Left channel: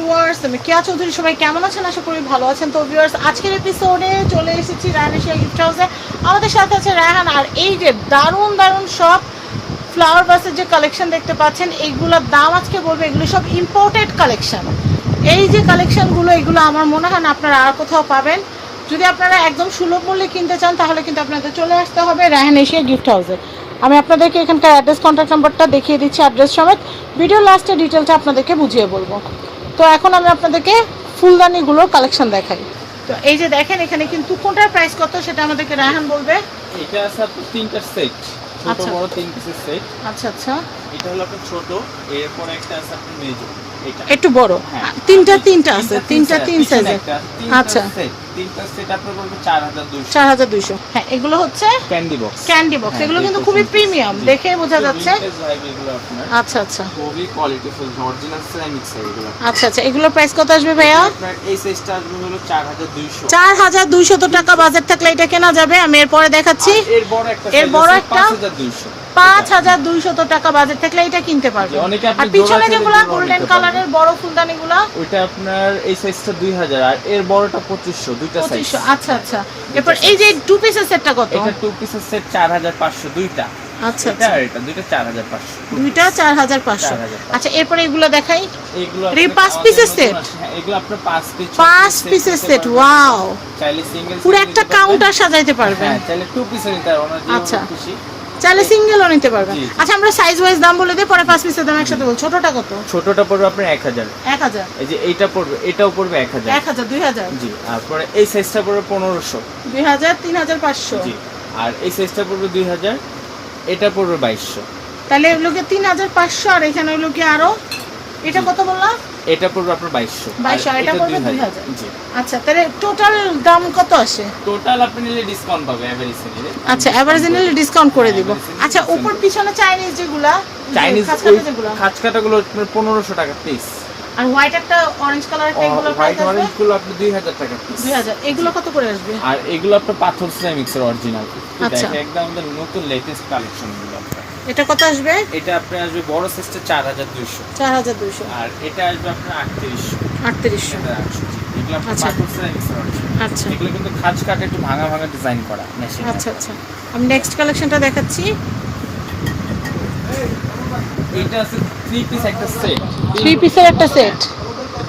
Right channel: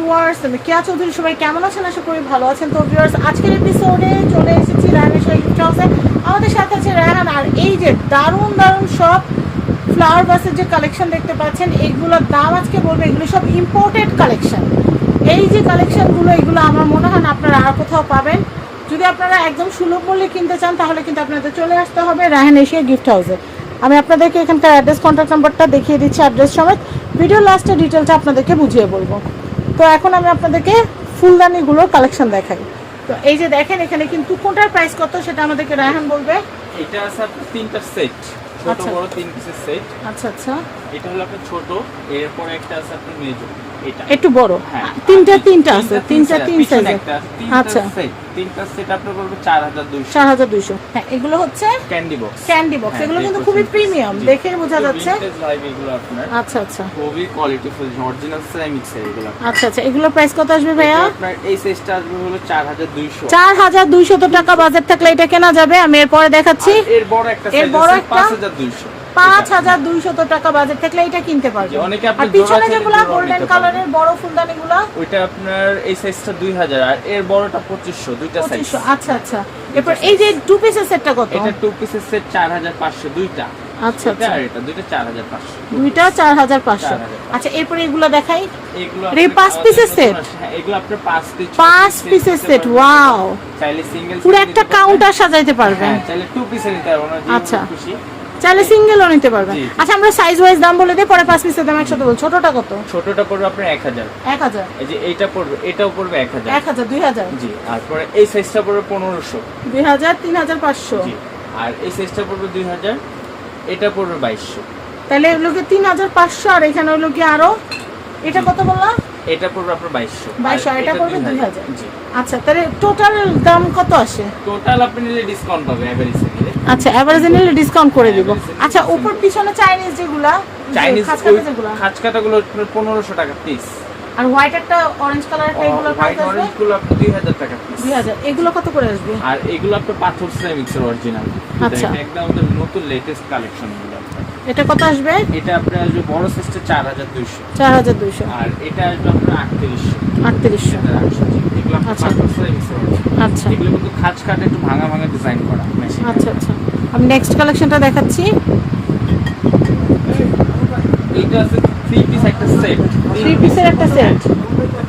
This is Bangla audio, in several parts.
ভিউয়ার্স, আমি কেয়া চৌধুরী। সবাই কেমন আছেন? আশা করি ভালো আছেন। তো ভিউয়ার্স, আজকের এপিসোডে চলে এসেছি রায়হান এশিয়া গিফট হাউসে। আমাদের সাথে আছে রায়হান। আর এই যে দারুণ দারুণ সব ফ্লাওয়ার বাসের যে কালেকশন দেখতে পাচ্ছেন, এইগুলোর দাম আজকে বলবো। এগুলো সব ইম্পোর্টেড কালেকশন। এই যে কালেকশনগুলো, এগুলো আমার মনে হয় না আপনারা আর কোথাও পাবেন। যদি আপনারা একদম সুলভ মূল্যে কিনতে চান, তাহলে কিন্তু আপনাদের চলে আসতে হবে রায়হান এশিয়া গিফট হাউসে। আমি আপনাদেরকে এখানকার অ্যাড্রেস, কন্ট্যাক্ট নাম্বারটা দেখিয়ে দিচ্ছি, অ্যাড্রেস সমেত। ভিডিও লাস্টে ডিটেলটা আপনাদেরকে বুঝিয়ে বলবো। তো এখন আমি আপনাদেরকে ফুলদানিগুলোর কালেকশন দেখাই। তো এই যে দেখেন, এখানে কিন্তু কোনটার প্রাইস কত সেটা আমাদেরকে রায়হান বলবে। এটা আছে আপনার তিনটা সেট, ছোট বড় তিন পিসের সেট। আচ্ছা আচ্ছা, এটা হলো আপনার ছোট, এরপর একটা আছে আপনার মেজো, এটা একটু বড়। হ্যাঁ, তিনটা আছে, তিনটা তিন সাইজের। আচ্ছা, তিনটা সেট আপনার পড়বে 4200। 4200। হ্যাঁ, এগুলো হচ্ছে ক্যান্ডি বক্স। Candy box. এগুলো কিন্তু খুবই প্রিমিয়াম, দেখেই বোঝা যাচ্ছে। এগুলো আপনার আচ্ছা আচ্ছা, খুবই কোয়ালিটিফুল অরিজিনাল সিরামিক্স এগুলো। আচ্ছা আচ্ছা, এগুলোর প্রাইস কত আসবে ভাইয়া? আপনার এই সাইজটা আসবে হলো 4200। 4200 টাকা বাজেট থাকলে এটা কেনা যাবে। আমি এরপরে দেখাচ্ছি। এর বড় একটা 5200। 5200 টাকা বাজেট থাকলে এটা কিনতে পারবে। আর পিছনে যেগুলো গোল্ডেন কালারের বড় ফুলদানিগুলো, ওইটা আপনার এই সাইজটা 2000 আর এর বড়টা 2500, দুইটা সাইজ। 2500। আচ্ছা আচ্ছা, এরপর এই যে টু পিসের সেটটা কত? এটা টু পিসের সেট 4500 দুইটা। আচ্ছা আচ্ছা, এটা দুইটা 4500। দুইটা 4500। আচ্ছা, এরপরে এগুলো দেখাই। এগুলো এই 5 পিসের সেট। হ্যাঁ, এগুলো আপনার 5 পিসের সেট। ওয়াও, চাইলে সিঙ্গেল পুরো একটা কাউন্টার সাজাইতে পারবেন। হ্যাঁ, চাইলে টু পিসের নিতে পারবেন। আচ্ছা, খুশি চাইলে সিঙ্গেলও নিতে পারবেন। আচ্ছা, আমরা সাইজ ওয়াইজ দাম বলে দিই, পরে 5 পিসের দাম একসাথে বল। ছোটটা কত? ছোটটা পড়বে আপনার 1000। 1000। এই যে এইটা পড়বে, এটাও পড়বে 1000। 2000। জি, আর পরে এই সাইজটা পড়বে 1500। 2000, 3500। জি, আর এই সাইজটা পড়বে 2000, এটা পড়বে 2200। তাহলে এগুলোকে 3500, আর এখানে হলো কি আরো, এটা কত বললাম? এটা পড়বে আপনার 2200। 2200, এটা পড়বে 2000। জি। আচ্ছা, তাহলে টোটাল দাম কত আসে? টোটাল আপনি নিলে ডিসকাউন্ট পাবে এভারেজে নিলে। আচ্ছা, এভারেজে নিলে ডিসকাউন্ট করে দিব। আচ্ছা, উপর পিছনে চাইনিজ যেগুলা, চাইনিজ খাঁচকাটা যেগুলা, খাঁচকাটাগুলো আপনার 1500 টাকা পিস। আর হোয়াইট একটা অরেঞ্জ কালার এগুলোর প্রাইস আসবে এগুলো আপনার 2000 টাকা পিস। 2000। এগুলো কত করে আসবে? আর এগুলো আপনার পাথর সিরামিক্সের অরিজিনাল। আচ্ছা, এটা একদম আমাদের নতুন লেটেস্ট কালেকশন গুলো আপনার। এটা কত আসবে? এটা আপনার আসবে বড় সাইজটা 4200। 4200। আর এটা আসবে আপনার 3800। 3800। এটা 800। এগুলো আপনার আচ্ছা। পাথর সিরামিক্সের অরিজিনাল। আচ্ছা এগুলো কিন্তু খাঁচ কাটা একটু ভাঙা ভাঙা ডিজাইন করা। আচ্ছা আচ্ছা, আমি নেক্সট কালেকশনটা দেখাচ্ছি। এটা আছে 3 পিস একটা সেট। 3 পিসের একটা সেট,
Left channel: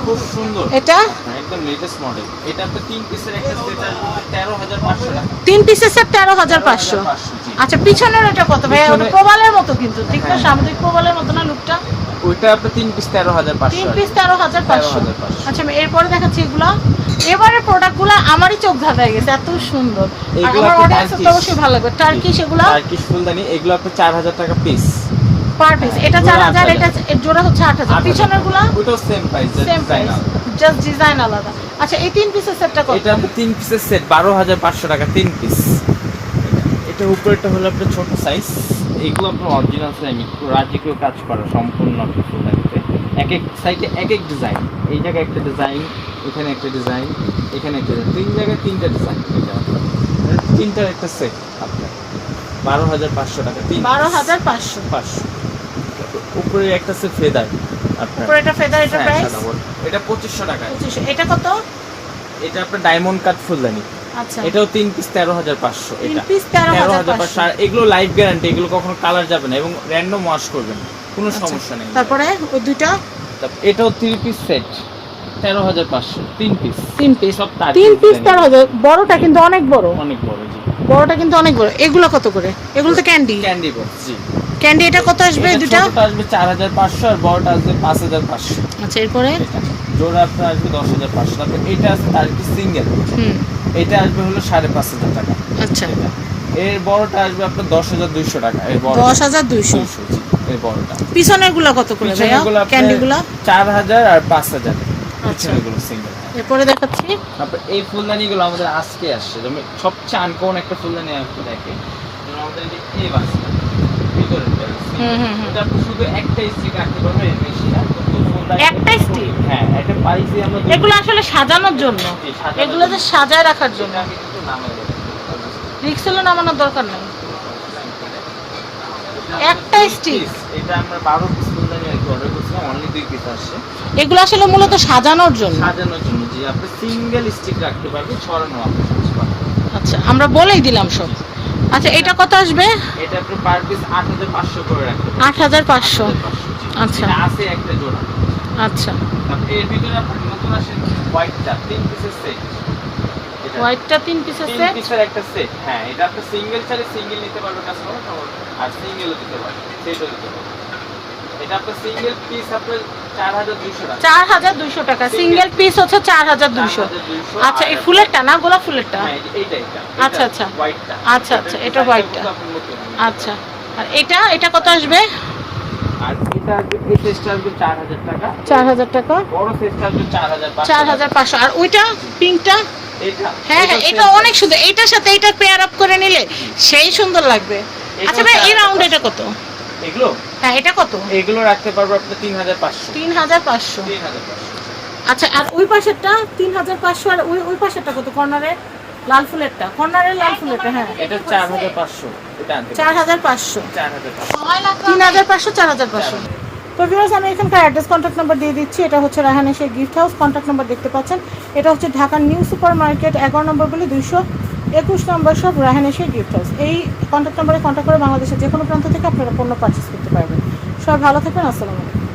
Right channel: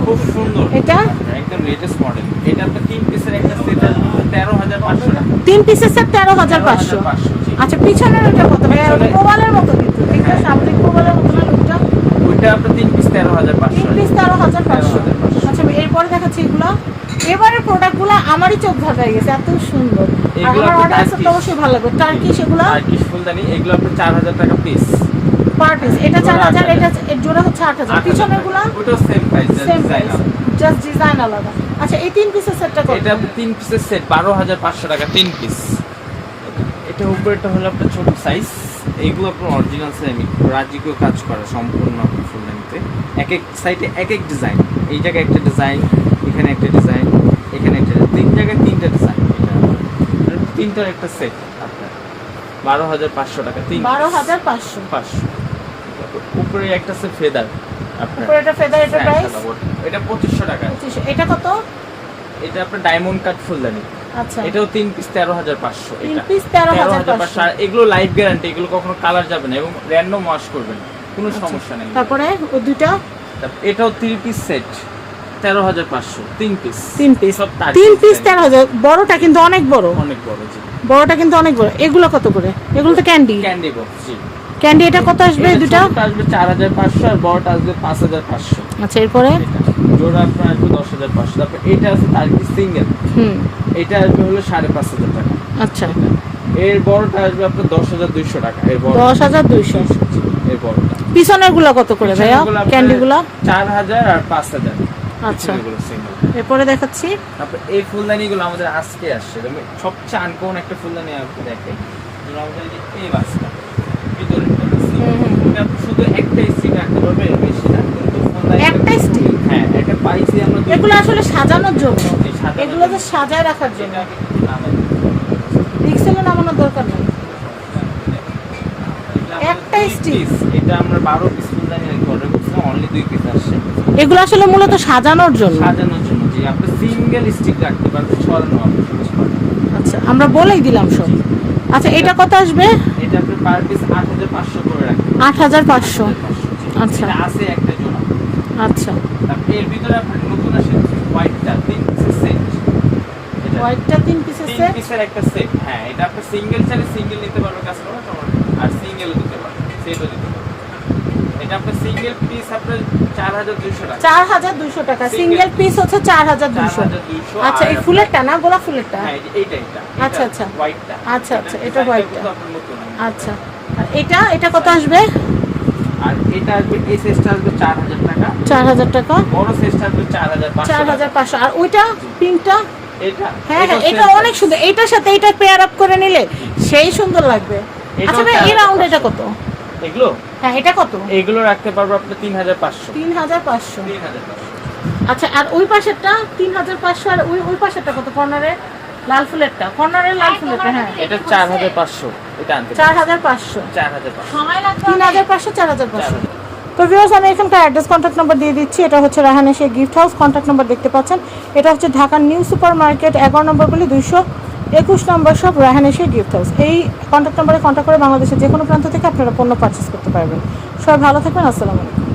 খুব সুন্দর। এটা একদম লেটেস্ট মডেল। এটা আপনার 3 পিসের একটা সেট আসবে 13500 টাকা। 3 পিসের সেট 13500। আচ্ছা, পিছনের এটা কত ভাই? ওটা প্রবালের মতো, কিন্তু দেখতে সামুদ্রিক প্রবালের মতো না লুকটা? ওইটা আপনার 3 পিস 13500। 3 পিস 13500। আচ্ছা, আমি এরপরে দেখাচ্ছি এগুলা। এবারের প্রোডাক্টগুলো আমারই চোখ ধাঁধায় গেছে, এত সুন্দর। আর আমার অডিয়েন্সের তো অবশ্যই ভালো লাগবে। টার্কিশ এগুলা, টার্কিশ ফুলদানি, এগুলো আপনার 4000 টাকা পিস পার পিস। এটা 4000, এটা এর জোড়া হচ্ছে 8000। পিছনেরগুলা ওটাও same price, same price, just design আলাদা। আচ্ছা, এই 3 পিসের সেটটা কত? এটা 3 পিসের সেট 12500 টাকা 3 পিস। এটা উপরেরটা হলো আপনার ছোট সাইজ। এইগুলো আপনার অরিজিনাল সিরামিক রাজিকেও কাজ করা সম্পূর্ণ আপনার ফুলদানিতে। এক এক সাইডে এক এক ডিজাইন। এই জায়গায় একটা ডিজাইন, এখানে একটা ডিজাইন, এখানে একটা ডিজাইন, 3 জায়গায় 3টা ডিজাইন। এটা তিনটার একটা সেট আপনার 12500 টাকা। 12500। উপরে একটা আছে ফেদার আপনার। উপরে এটা ফেদার, এটা প্রাইস এটা 2500 টাকা। 2500। এটা কত? এটা আপনার ডায়মন্ড কাট ফুলদানি। আচ্ছা, এটাও 3 পিস 13500। 3 পিস 13500। আর এগুলো লাইফ গ্যারান্টি, এগুলো কখনো কালার যাবে না এবং র‍্যান্ডম ওয়াশ করবেন, কোনো সমস্যা নেই। তারপরে ওই দুইটা, এটাও 3 পিস সেট 13500। 3 পিস 3 পিস সব 3 পিস 13000। বড়টা কিন্তু অনেক বড়, অনেক বড়। জি, বড়টা কিন্তু অনেক বড়। এগুলো কত করে? এগুলো তো ক্যান্ডি ক্যান্ডি বক্স। জি, ক্যান্ডি। এটা কত আসবে? এই দুটো ছোটটা আসবে 4500 আর বড়টা আসবে 5500। আচ্ছা, এরপরে জোড়া আপনার আসবে 10500। তারপর এটা আছে তার কি সিঙ্গেল, এটা আসবে হলো 5500 টাকা। আচ্ছা, এর বড়টা আসবে আপনার 10200 টাকা। এর বড় 10200। এই বড়টা। পিছনের গুলা কত করে ভাইয়া? ক্যান্ডি গুলা 4000 আর 5000। আচ্ছা, এগুলো সিঙ্গেল। এরপরে দেখাচ্ছি। তারপর এই ফুলদানিগুলো আমাদের আজকে আসছে, যেমন সবচেয়ে আনকমন একটা ফুলদানি আপনি দেখেন। যেমন আমাদের এই বাসটা ভিতরে এটা শুধু একটা স্টিক রাখতে পারবে, বেশি না। কিন্তু ফুলদানি একটা স্টিক, হ্যাঁ, একটা পাইছি আমরা। এগুলো আসলে সাজানোর জন্য, এগুলো যে সাজায় রাখার জন্য। রিক্সেলও নামানোর দরকার নেই, একটা স্টিক এটা আমরা 12 পিস ফুলদানি অর্ডার করেছিলাম, অনলি 2 পিস আসছে। এগুলো আসলে মূলত সাজানোর জন্য। সাজানোর জন্য, যে আপনি সিঙ্গেল স্টিক রাখতে পারবেন, ছড়ানো আপনি ইউজ করতে পারবেন। আচ্ছা, আমরা বলেই দিলাম সব। আচ্ছা, এটা কত আসবে? এটা আপনি পার পিস 8500 করে রাখবেন। 8500। আচ্ছা এটা আছে একটা জোড়া। আচ্ছা, তারপরে এর ভিতরে আপনার নতুন আসে হোয়াইটটা 3 পিসের সেট। এটা হোয়াইটটা 3 পিসের 3 সেট। পিসের একটা সেট। হ্যাঁ, এটা আপনি সিঙ্গেল চাইলে সিঙ্গেল নিতে পারবে কাস্টমার, আর সিঙ্গেলও নিতে পারবে, সেটও নিতে পারবে। এটা আপনার সিঙ্গেল পিস আপনার 4200 টাকা। 4200 টাকা সিঙ্গেল পিস হচ্ছে 4200। 4200। আচ্ছা, এই ফুলেরটা না, গোলাপ ফুলেরটা? হ্যাঁ, এইটা আচ্ছা, আচ্ছা। হোয়াইটটা। আচ্ছা আচ্ছা, এটা হোয়াইটটা। আচ্ছা, আর এটা কত আসবে? আর এটা আসবে, এই সাইজটা আসবে 4000 টাকা। 4000 টাকা। বড় সাইজটা আসবে 4500। 4500। আর ওইটা পিঙ্কটা? এটা হ্যাঁ হ্যাঁ, এটা অনেক সুন্দর। এইটার সাথে এইটা পেয়ার আপ করে নিলে সেই সুন্দর লাগবে। আচ্ছা ভাই, এই রাউন্ড এটা কত? এগুলো, হ্যাঁ, এটা কত? এগুলো রাখতে পারবো আপনি 3500। 3500। 3500। আচ্ছা, আর ওই পাশেরটা 3500। আর ওই পাশেরটা কত? কর্নারে লাল ফুলেরটা, কর্নারে লাল ফুলেরটা। হ্যাঁ, এটা 4500। এটা আনতে 4500। 4500। 3500, 4500। তো ভিউয়ার্স, আমি এখানকার অ্যাড্রেস, কন্ট্যাক্ট নাম্বার দিয়ে দিচ্ছি। এটা হচ্ছে Raihan Asia gift house. Contact number দেখতে পাচ্ছেন। এটা হচ্ছে ঢাকার নিউ সুপার মার্কেট 11 নম্বর গলি 221 নম্বর shop, Raihan Asia gift house. এই কন্ট্যাক্ট নাম্বারে কন্ট্যাক্ট করে বাংলাদেশের যে কোনো প্রান্ত থেকে আপনারা পণ্য পারচেস করতে পারবেন। সবাই ভালো থাকবেন। আসসালামু আলাইকুম।